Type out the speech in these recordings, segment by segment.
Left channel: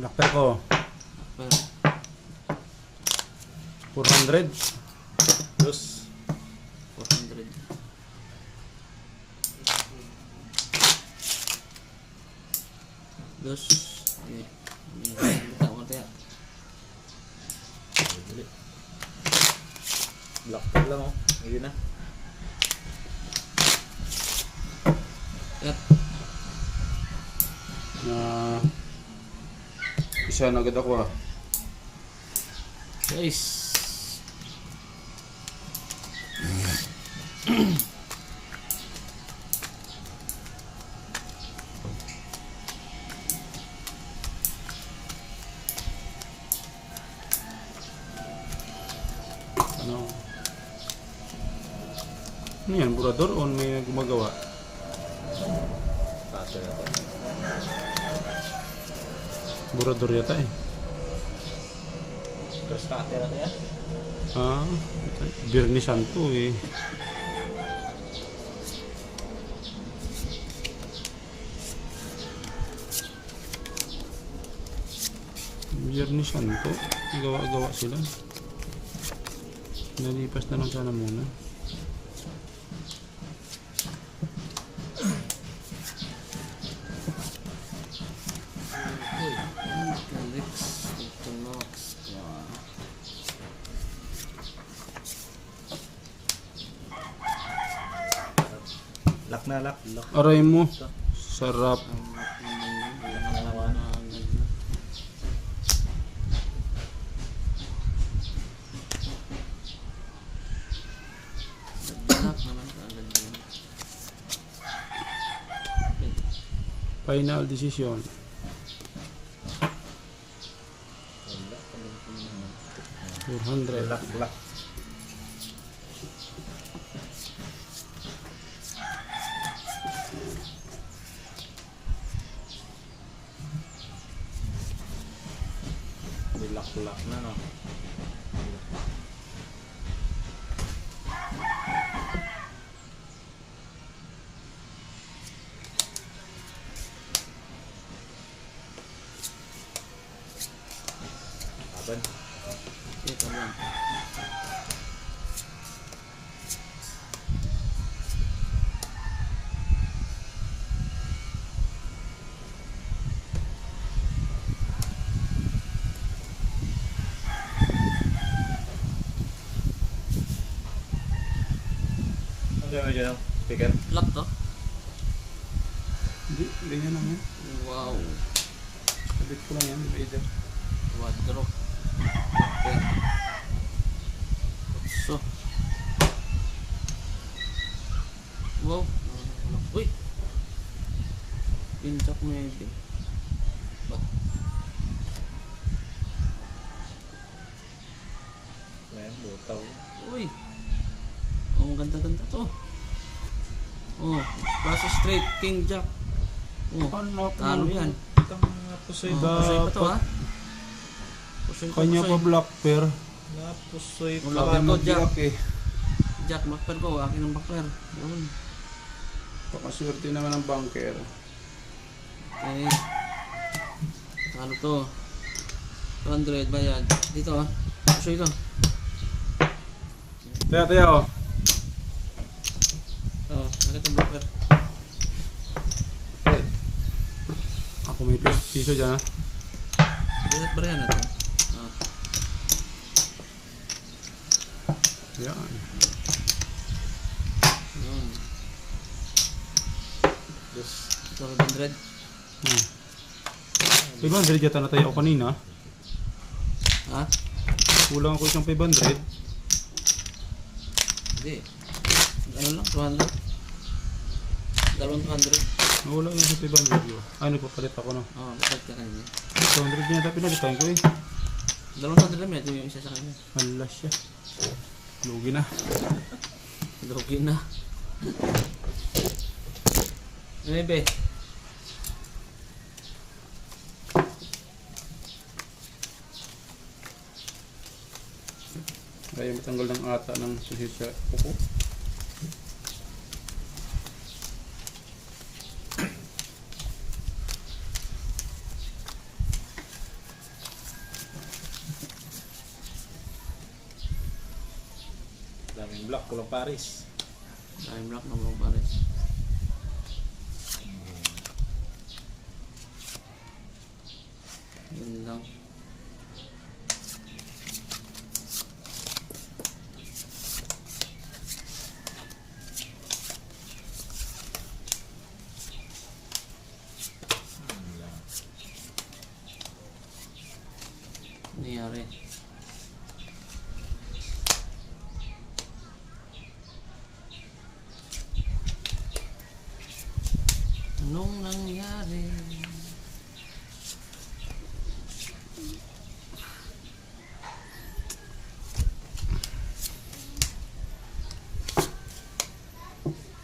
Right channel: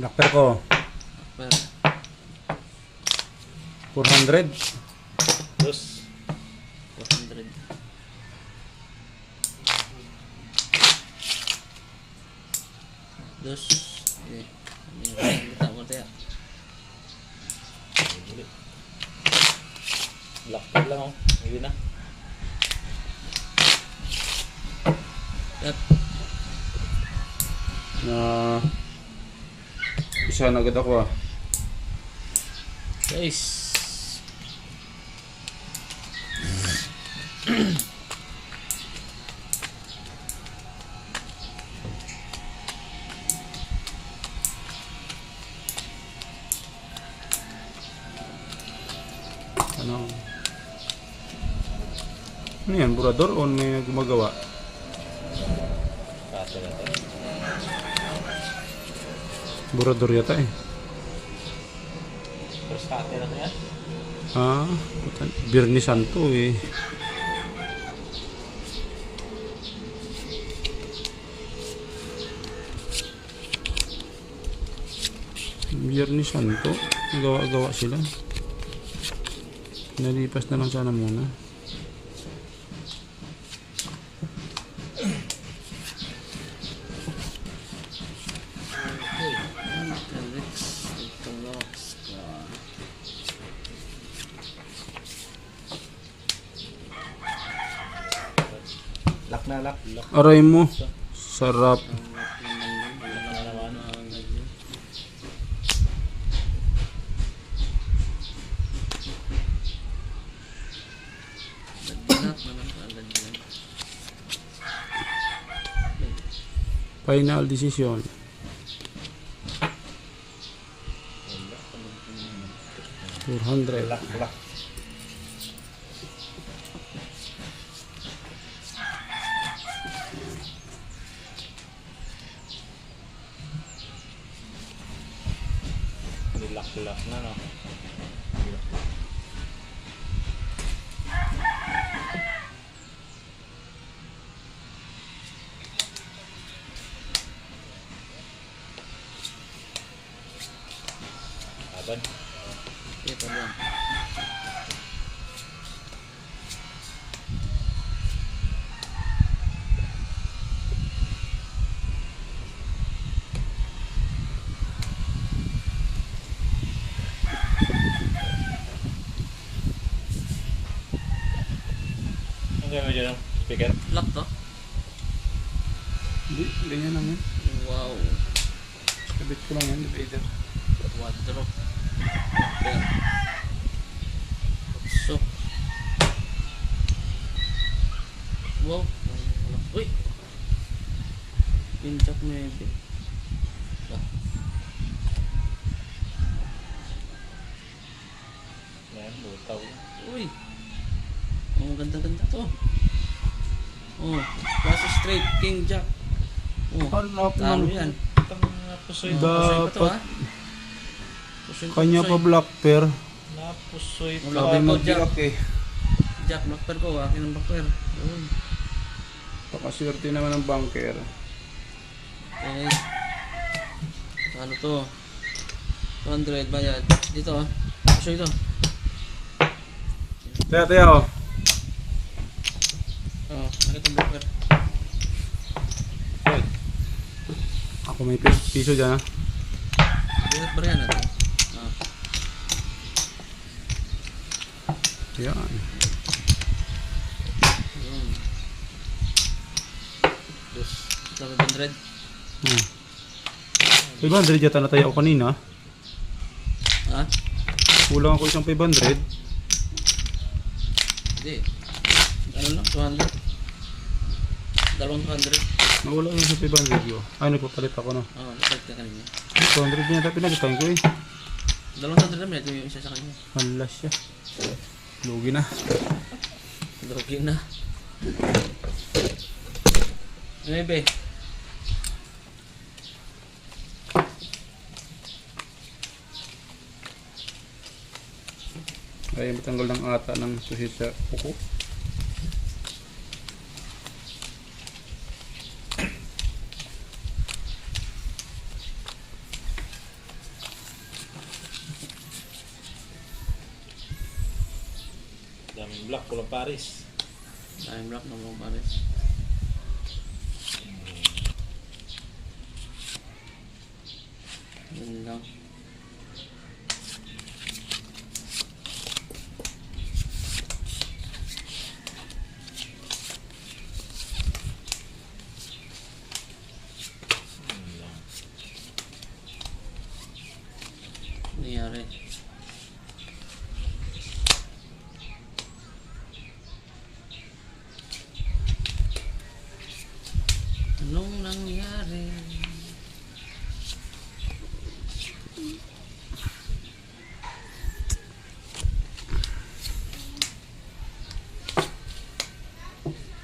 Locker ko. Pero 400. Terus 400. Dos. Ini. Kita mau tanya. black lang oh. Ayun na. Yap. Isa na agad ako ah. Guys. Ano yan, burador o may gumagawa? Pato na to. Burador yata eh. Terus pato na to yan. Ah, Birni Santo eh. Birni Santo, gawa-gawa sila. Nalipas na lang sana muna. Lock na lock. Lock. Aray mo, sarap. Final decision. Lock, lock. Lock na no. Adan. Ito lang. Ang gano'n dyan no? Speaker. Lock to. Hindi, ganyan naman. Wow. Kabit ko lang yan, divider. Wardrobe. There. So. Wow. Uy. Pinchak maybe. Ba. Ayan, lutaw. Uy. Ang ganda-ganda to. Oh, klase straight king jack. Oh, Ano talo yan. Itang napusoy Oh, ba? pusoy pa to ha. Dapat Pusoy pa, kanya pa pusoy. black pair. Napusoy Wala ka. pa. Ano Jack. black eh. Jack, backpair ko. Akin ang backpair. Yun. Pakaswerte naman ng bunker. Okay. Talo to. 200 bayad. Dito ha. Pusoy to. Taya, taya oh. Oh, ano itong backpair? Ako may piso dyan ha. Bihat ba rin na to? Ah. Yan. Yun. Dos. Ito 500. 500 yata na tayo ako kanina. Ha? Kulang ako isang 500. Hindi. Ano lang? 200. Dalawang 200. Nawala yung sa 500 yun. Ay, nagpapalit ako na. Oo, nagpalit ka kanina. 200 niya tayo pinagitahin ko eh. Dalawang 200 naman. Ito yung isa sa kanya. Halas siya. Lugi na. Lugi na. Maybe. Kaya matanggal ng ata ng suhit sa kuko. Ang black, kulang Paris. Time block na mga pares. Yun lang. Nangyari. Anong nangyari?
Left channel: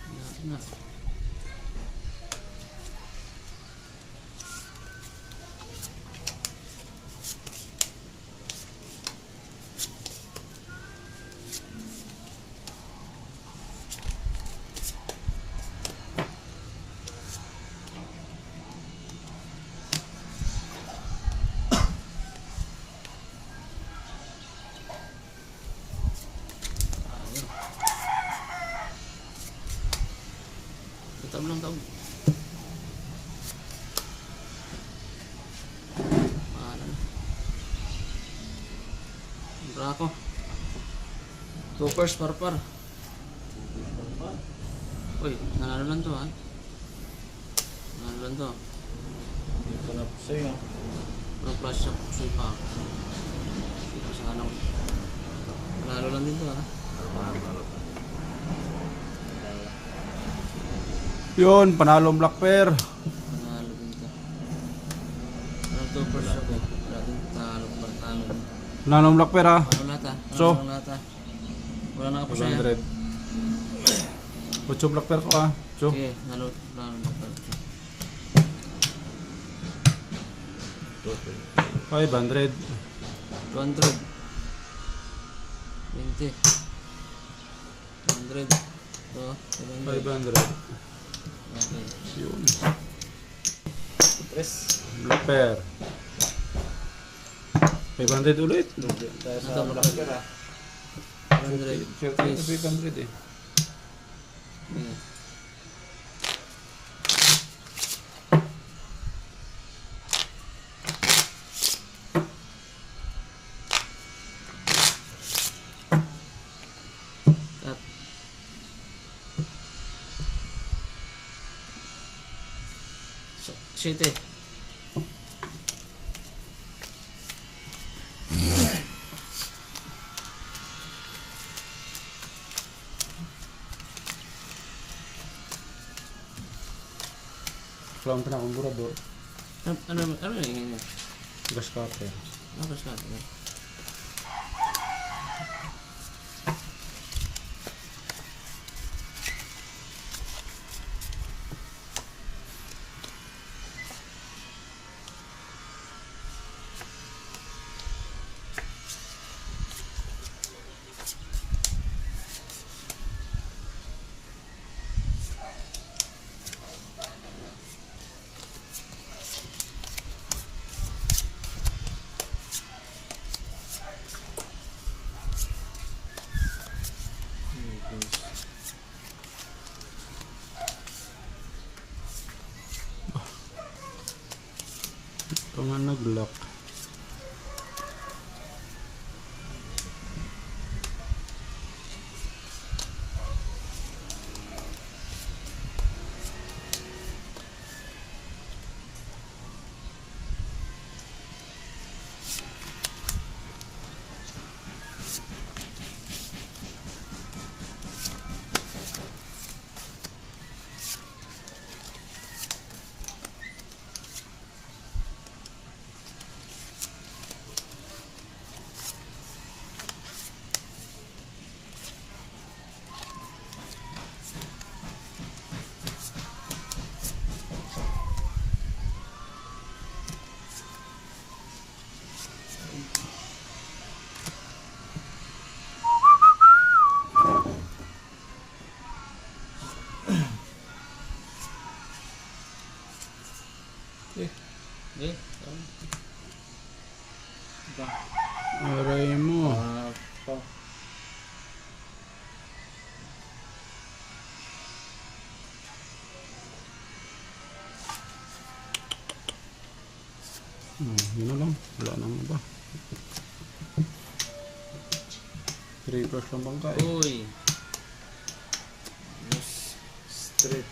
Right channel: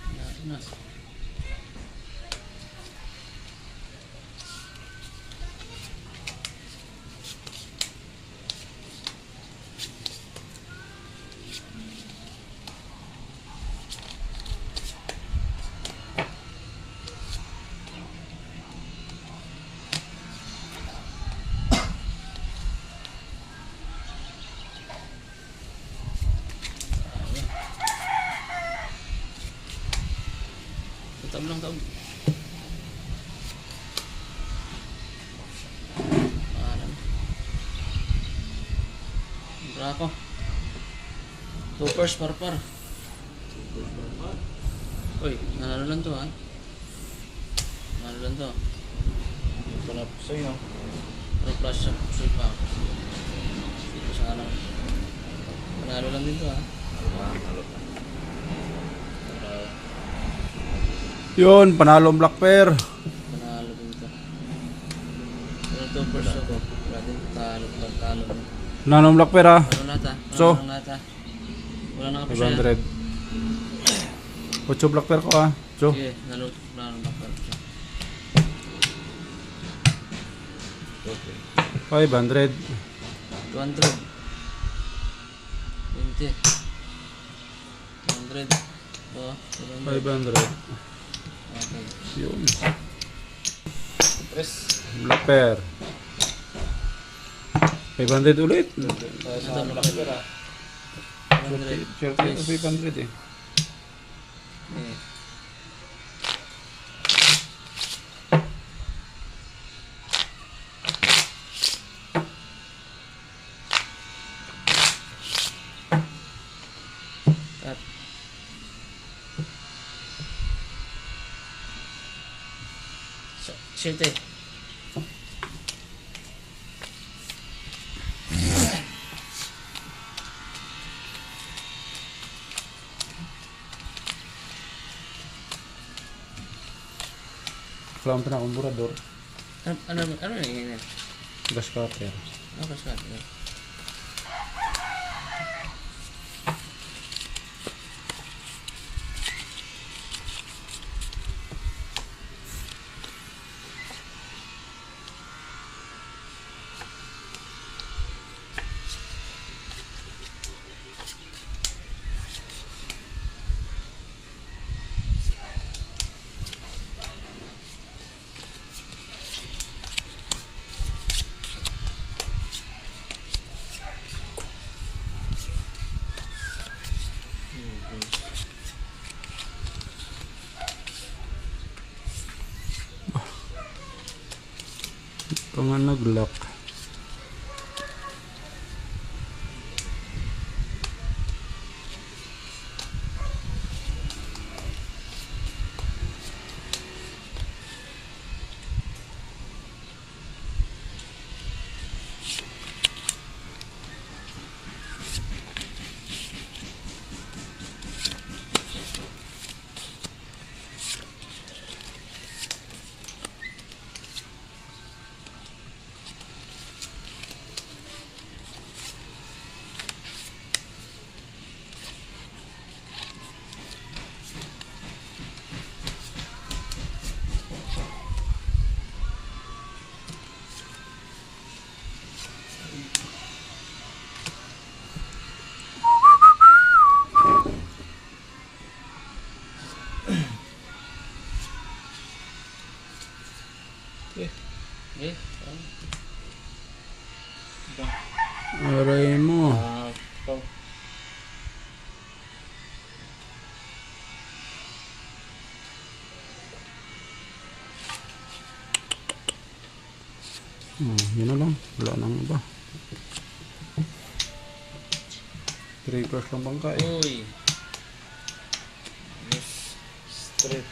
Nangyari na. Taob lang, taob. Pahalan. Bra ako. Toppers, parpar. Uy, nanalo lang to ha. Nanalo lang to. Ito na pusoy ha. Pero flash sa pusoy pa ako. Hindi ko sa anong. Nanalo lang din to ha. Yun, panalo ang black pair. Panalo din to. Pero toppers ako. Wala din talo, pagtalo din. Panalo ang black pair ha. Panalo lahat ha. So? Panalo lahat ha. Wala na kapasaya. 500. 8 black pair ko ha. So, Sige, nalo bakal. 500. 200. 20. 100. Oh, 700. 500. Okay. Yun. Tres. Black pair. 500 ulit. Tayo sa Ito, black pair ha. 100. Share tayo sa 500 eh. Yeah. Cut. So, 7. Kailangan pa na akong burador. Ano yan? Gas cutter. Ano ka sa Ito nga nag-lock. Okay. Diba? Aray mo. Ito. Yun na lang. Wala nang iba. 3 plus lang bangka eh. Uy. Yes. Straight.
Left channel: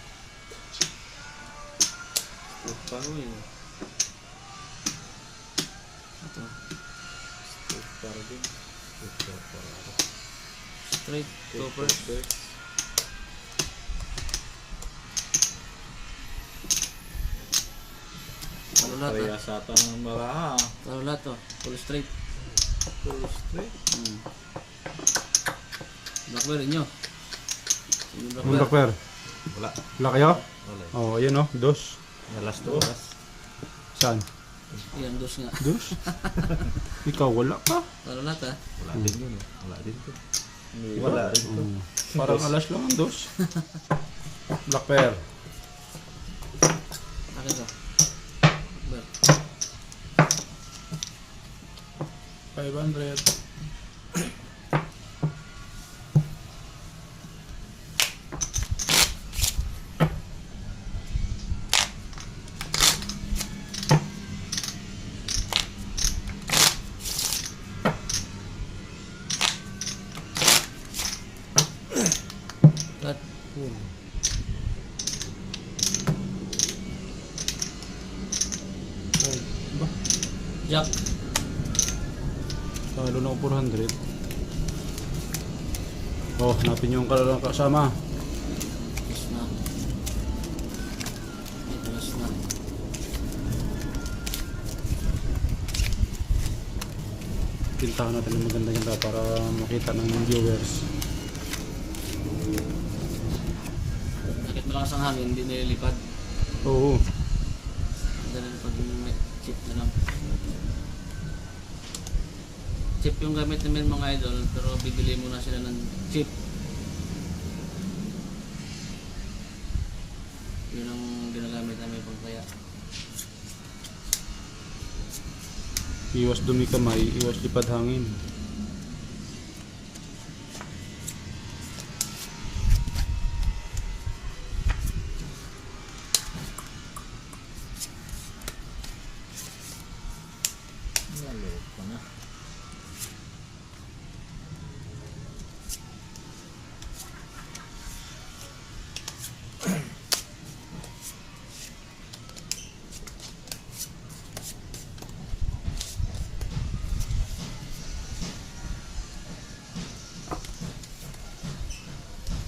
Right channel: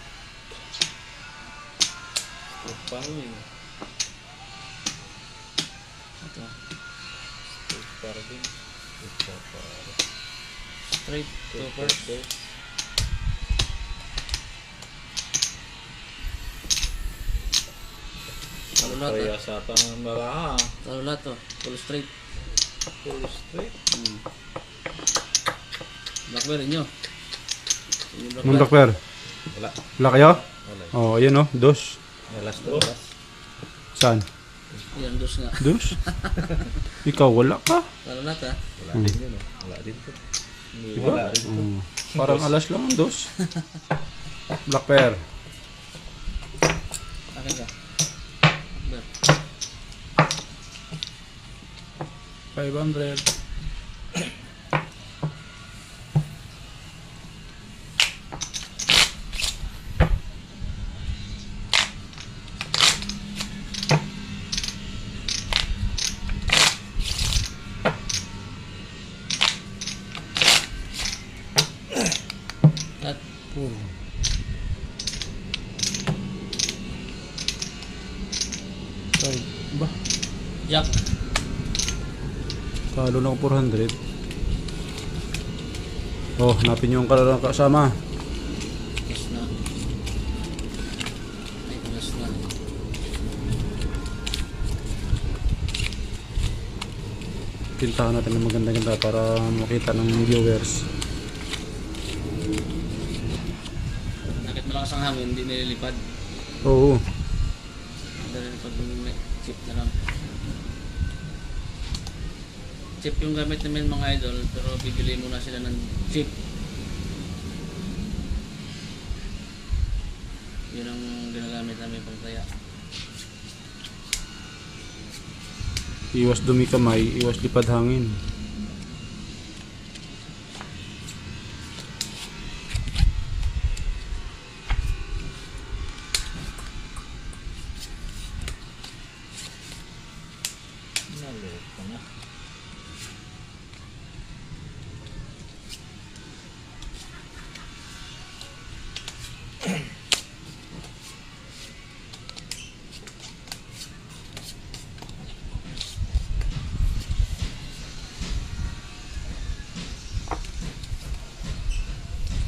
Straight pa. Uy. Ito. Straight pa rin. Straight pa rin. Straight. Proper. Straight. Talo lahat Kaya sa tangan mara. Talo lahat to. Full straight. Straight. Black bear inyo. Yung Nung black bear. Blackbear. Wala. Wala kayo? Wala. Oh, ayan oh. Dos. Nalas to. Saan? Yan, dos nga. Dos? Ikaw wala ka? Talo lahat ha. Wala din yun eh. Wala din to. Wala rin to. Parang alas lang ang dos. Blackbear. Akin ka. Black bear. 500. Lahat. Ba? Jack. Talo na ako 400. Oh, hanapin yung kalalang kasama. Yes na. Ay, kalas na. Tintahan natin ng maganda-ganda para makita ng viewers. Nakit malakas ang hangin, hindi nililipad. Oo. Hindi nililipad yung chip na lang. Chip yung gamit namin mga idol, pero bibili muna sila ng chip. Yun ang ginagamit namin pang taya. Iwas dumi kamay, iwas lipad hangin. Nalok ka na.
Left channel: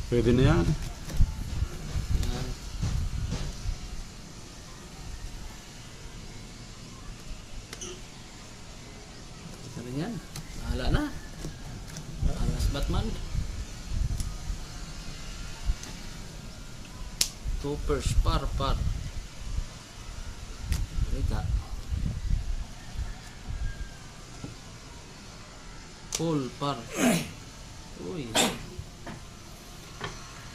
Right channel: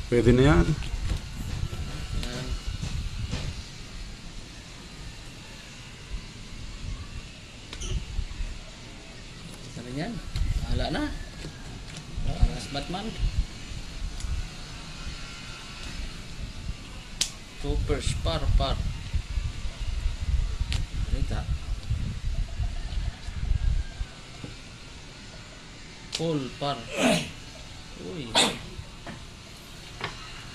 Pwede na yan. Yan. Isa rin yan. Bahala na. Alas Batman. Toppers, par. Rita. Full, par. Uy.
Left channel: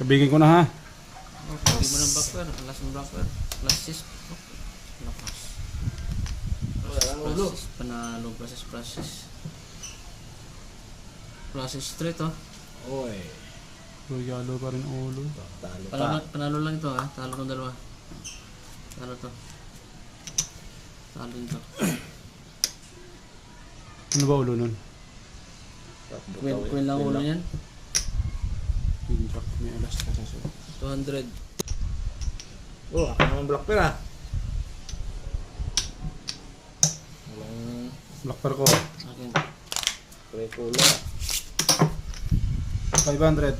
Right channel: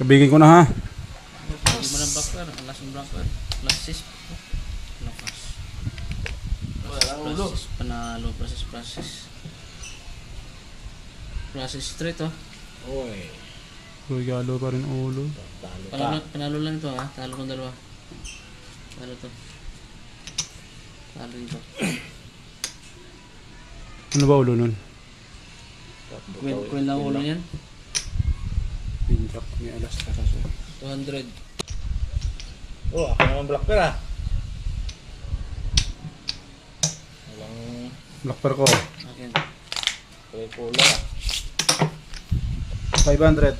Kabigin ko na ha. Hindi mo ng blackbear. Alas ng blackbear. Plus 6. Lakas. Walang ulo. Panalo. Process. Process straight oh. Oy. Regalo pa rin ulo. Talo ka. Panalo lang ito ha. Talo kong dalawa. Talo to. Talo dito. Ano ba ulo nun? Queen lang ulo yan. Pin drop ni alas ka sa 200. Oh, ako naman black bear ah. Walang Blackbear ko. Akin. pre-pula. 500.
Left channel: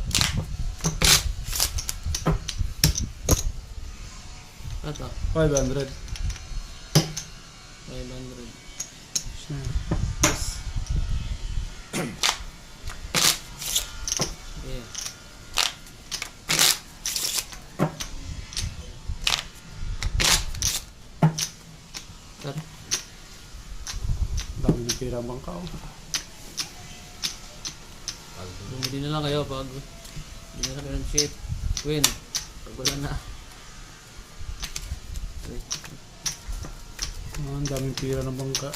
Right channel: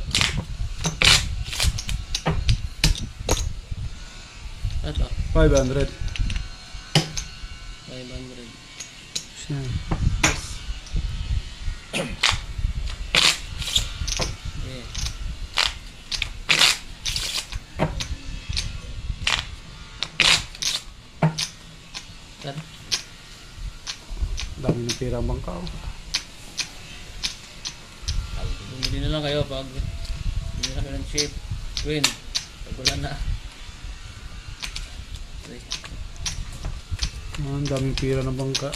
Ito. 500. 500. Siya. Yeah. Ito. Dami ng pira ang bangka. Bumili na lang kayo pag bumili na kayo ng chip. Queen. Pag wala na. Okay. Ang daming pira ng bangka.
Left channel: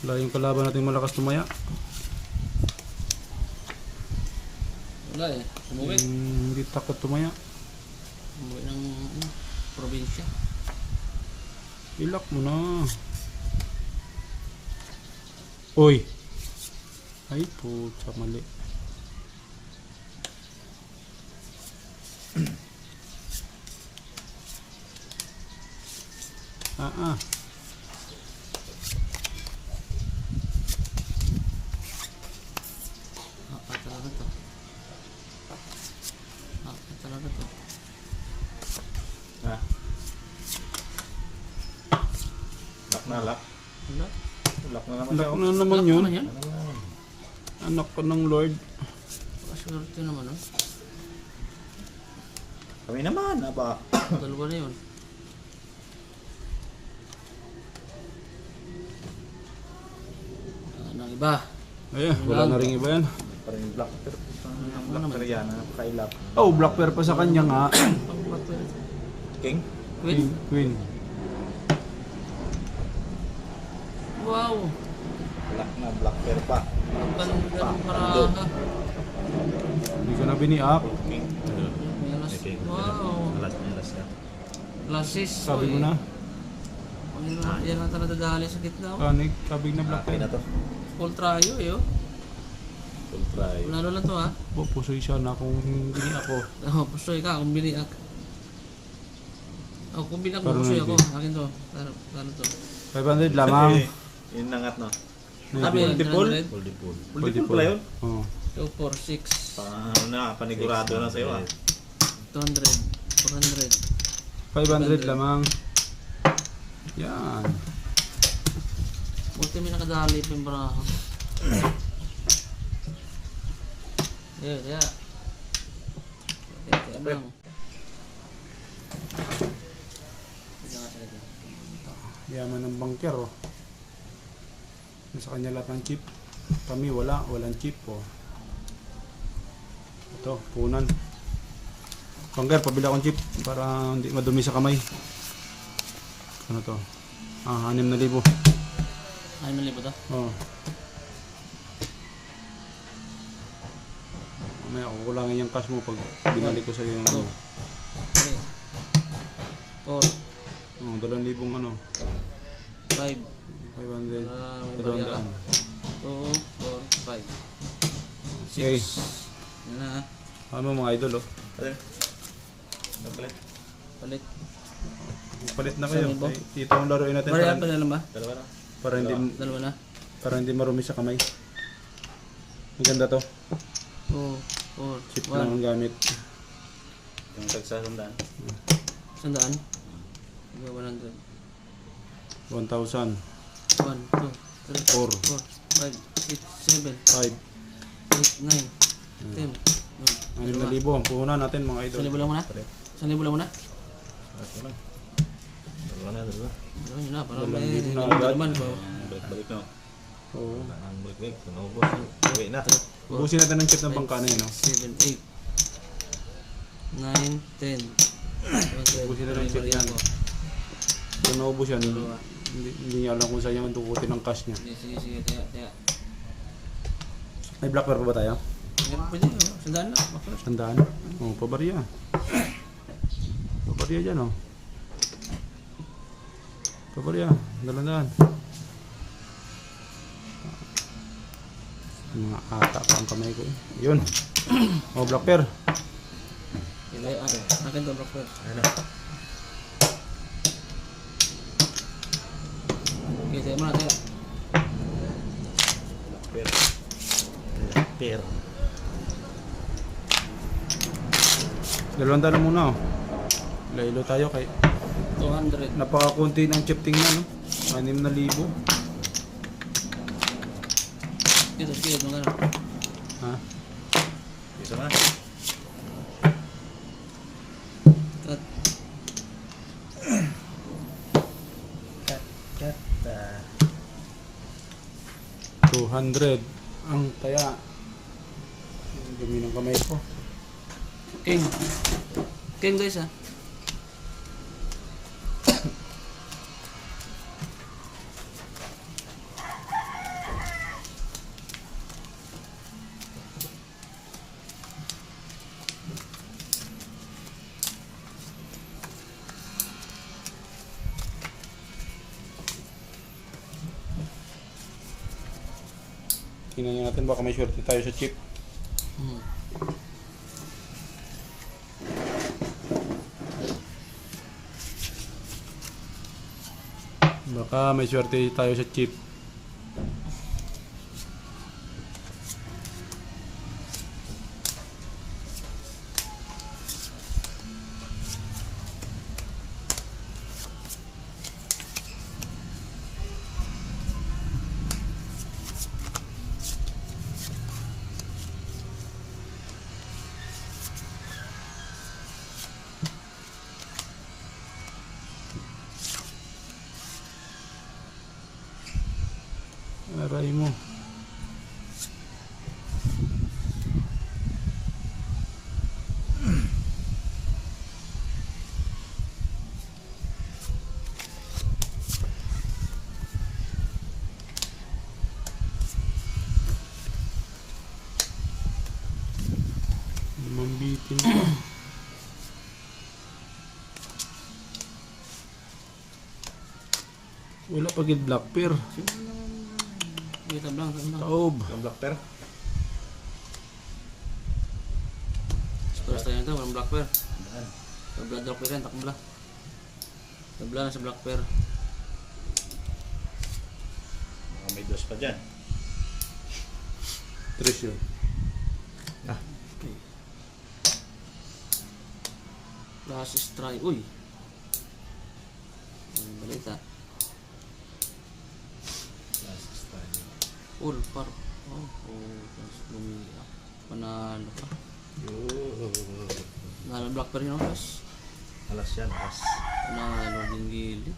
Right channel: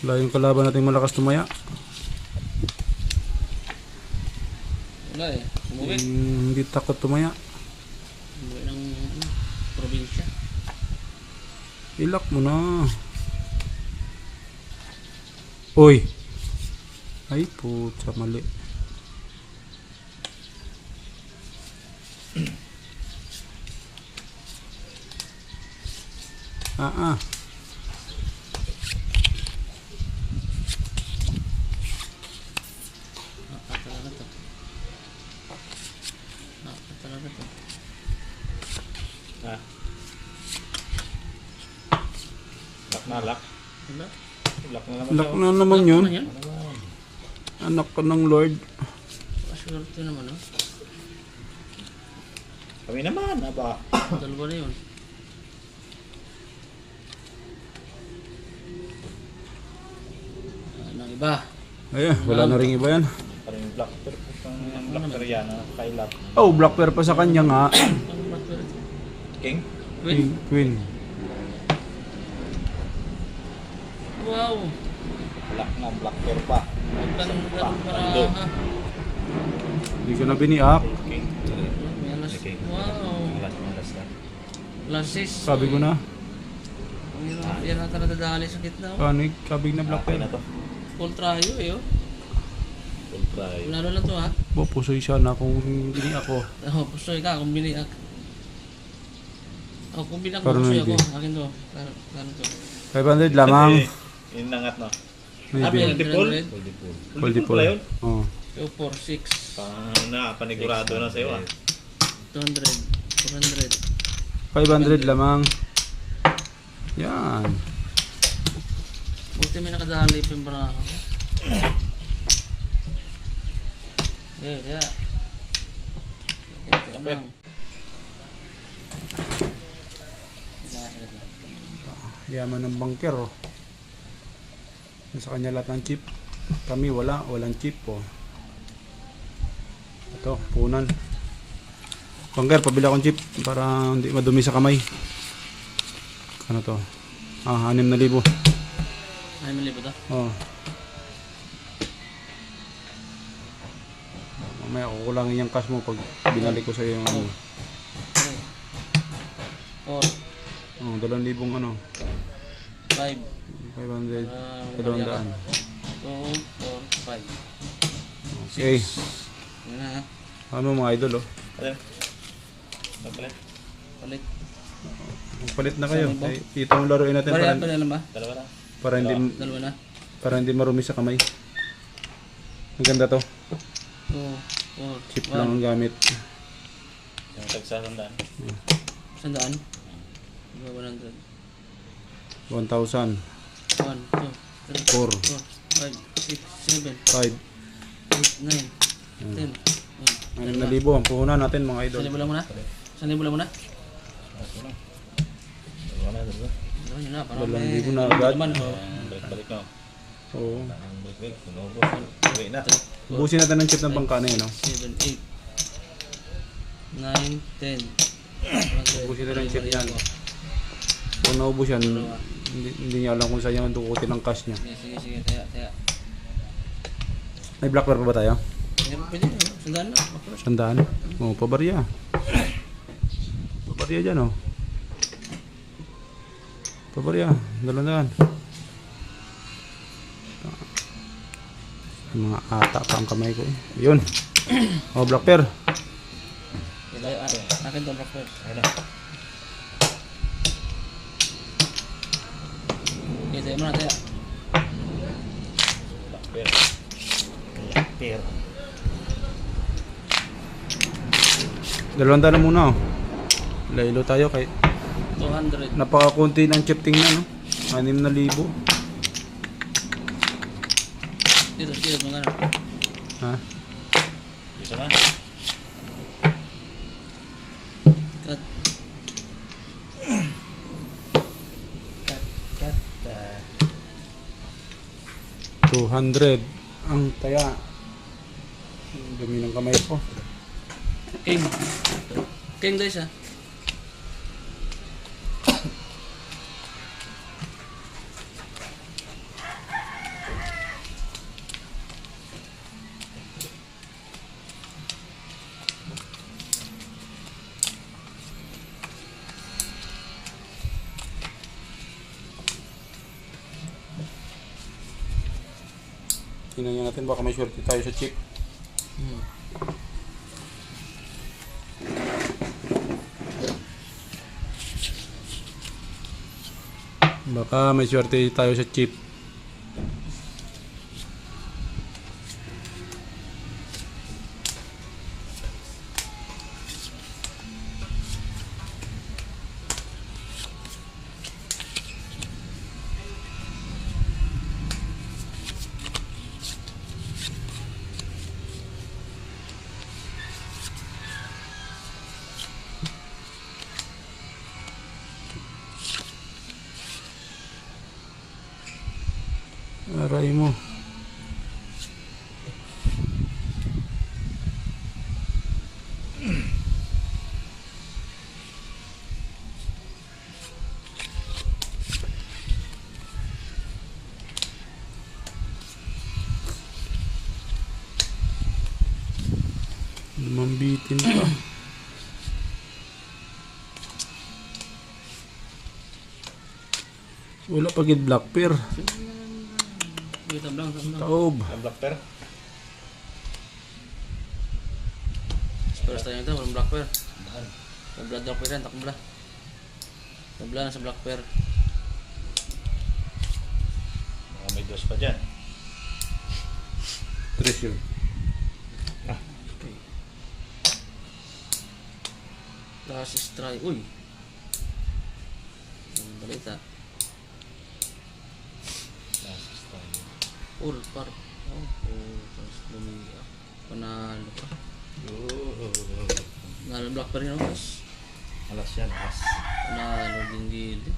Wala yung kalaban natin malakas tumaya. Wala eh. Umuwi. Hindi takot tumaya. Umuwi ng probinsya. Ilak mo na. Uy. Ay, puta, mali. Ah. Talaga to. Talaga to. Ha? Lock na, lock. Wala. Lock na naman Ilak siya. na naman yun. Ano yan? Ano naman? Anak ko ng Lord. Paswerte naman, oh. Kami naman, aba. Dalawa na yun. Anong iba? Ayan, wala na rin iba yan. Parang yung black pear. Ang black pear yan, kailap. Oh, black pear pa sa kanya nga. Pang batwerte. King? Queen. Queen. Wow! Black na, black pear pa. Ang ganda ng para. Ando. Hindi ko na biniak. King. May alas. King. Wow! Alas na. Lasis. Sabi ko na. Ang yan na nadadali sa gitna. Oh. Kanig, kabig na black Okay pear. na to. Full trayo eh, oh. Full try. Lalo lang to, ha? Bo, pusoy siya na kung biniak ko. Oh, pusoy ka, kung biniak. Oh, kung biniak mo, Parang pusoy hindi. ako. Akin to. Ano to? 500 lamang. Inangat na. Ano yan? Multiple? 300? Multiple. Multiple. Multiple pala yun? Oh. 2, 4, 6, Paano na, panigurado na sa'yo ah. 200, 400. 500 lamang. Yan. Buti may nakadali pa yung baraha. Yeah. Kaya lang. Yaman ng bangker, oh. Sa kanya lahat ng chip. Kami walang chip, oh. Ito, punan. Bangker, pabili akong chip para hindi madumi sa kamay. Ano to? 6,000. Ay, mali ba ito? Oh. Mamaya kukulangin yung cash mo pag binalik ko sa iyo yung ano. 4, Oh, 2,000 ano. 5, 500. may barya ka. 2, 4, 5, Okay. 6. Yan na, ha? Ano mga idol, oh. Pala. Ano pala? Palit. Palit na kayo. Saan ba? Ito ang laruin natin Barya para, pa lang ba? Dalawa lang. Dalawa na. para hindi marumi sa kamay. Maganda to. 2, 4, Chip lang 1. ang gamit. Yung tagsasandaan. Sandaan? 100. 1,000. 1, 2, 3, 4. 4, 5, 6, 7, 5. 8, 9, 10. 6,000 ang puhunan natin mga idol. 1,000 lang muna? 1,000 lang muna? Okay lang. Dalawa na, dalawa. Gawin nyo na, para 2,000 may na agad. naman po. Balik-balik na. Oo. Ang balik-balik, tinubos. Okay na. Ubusin natin ng chip ng bangka na yun, no? 7, 8, 9, 10. Ubusin natin ng chip yan. Kung naubos yan, hindi niya alam kung saan niya tukutin ang cash niya. Sige, taya. May black pearl pa ba tayo? Meron pwede, no? Sandaan na. Bakit? 100. Oh, pabarya. Pabarya dyan, oh. Pabarya. 200. Mga ata pa ang kamay ko, eh. Yun. Oh, black pearl. Akin to, Brock. Ano? Okay, tayo muna, taya. Black pear. Black pear. 200 na muna, oh. Laylo tayo kay 200. napakakunti ng chip tingnan, oh. 6,000. Dito, mga ano. Ha? Isa na. Cut. Cut. 200 ang taya. Dumi ng kamay ko. King guys, ha. Tingnan natin baka may swerte tayo sa chip. Hmm. Baka may swerte tayo sa chip. Aray mo. Mambitin pa. Wala pa gid black pear. Wait, tablang. Taob. Ang black pear. First time ito, walang black pear. Daan. Tabla daw ko yan, takbla. Tabla na sa black pear. Mga may dos pa dyan. Treasure. Ah, Process try. Uy! Ang balita. last time. All par. Oh, tapos bumili. Panalo pa. Oh. Panalo black pear niya. Tapos Alas yan, alas. panalo din gili.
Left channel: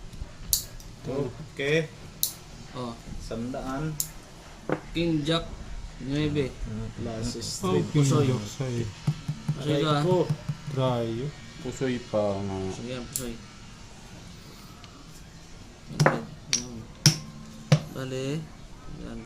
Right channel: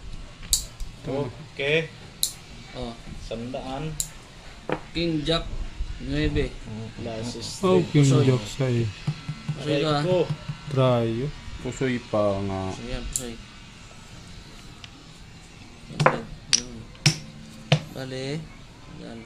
Okay. Oh, 100. King Jack 9. Last is Oh, Pusoy. king joke sa'yo. Pusoy ka ha. ko. Try. Pusoy pa nga. Pusoy yan, pusoy. Okay. Ano? Bale. Yan.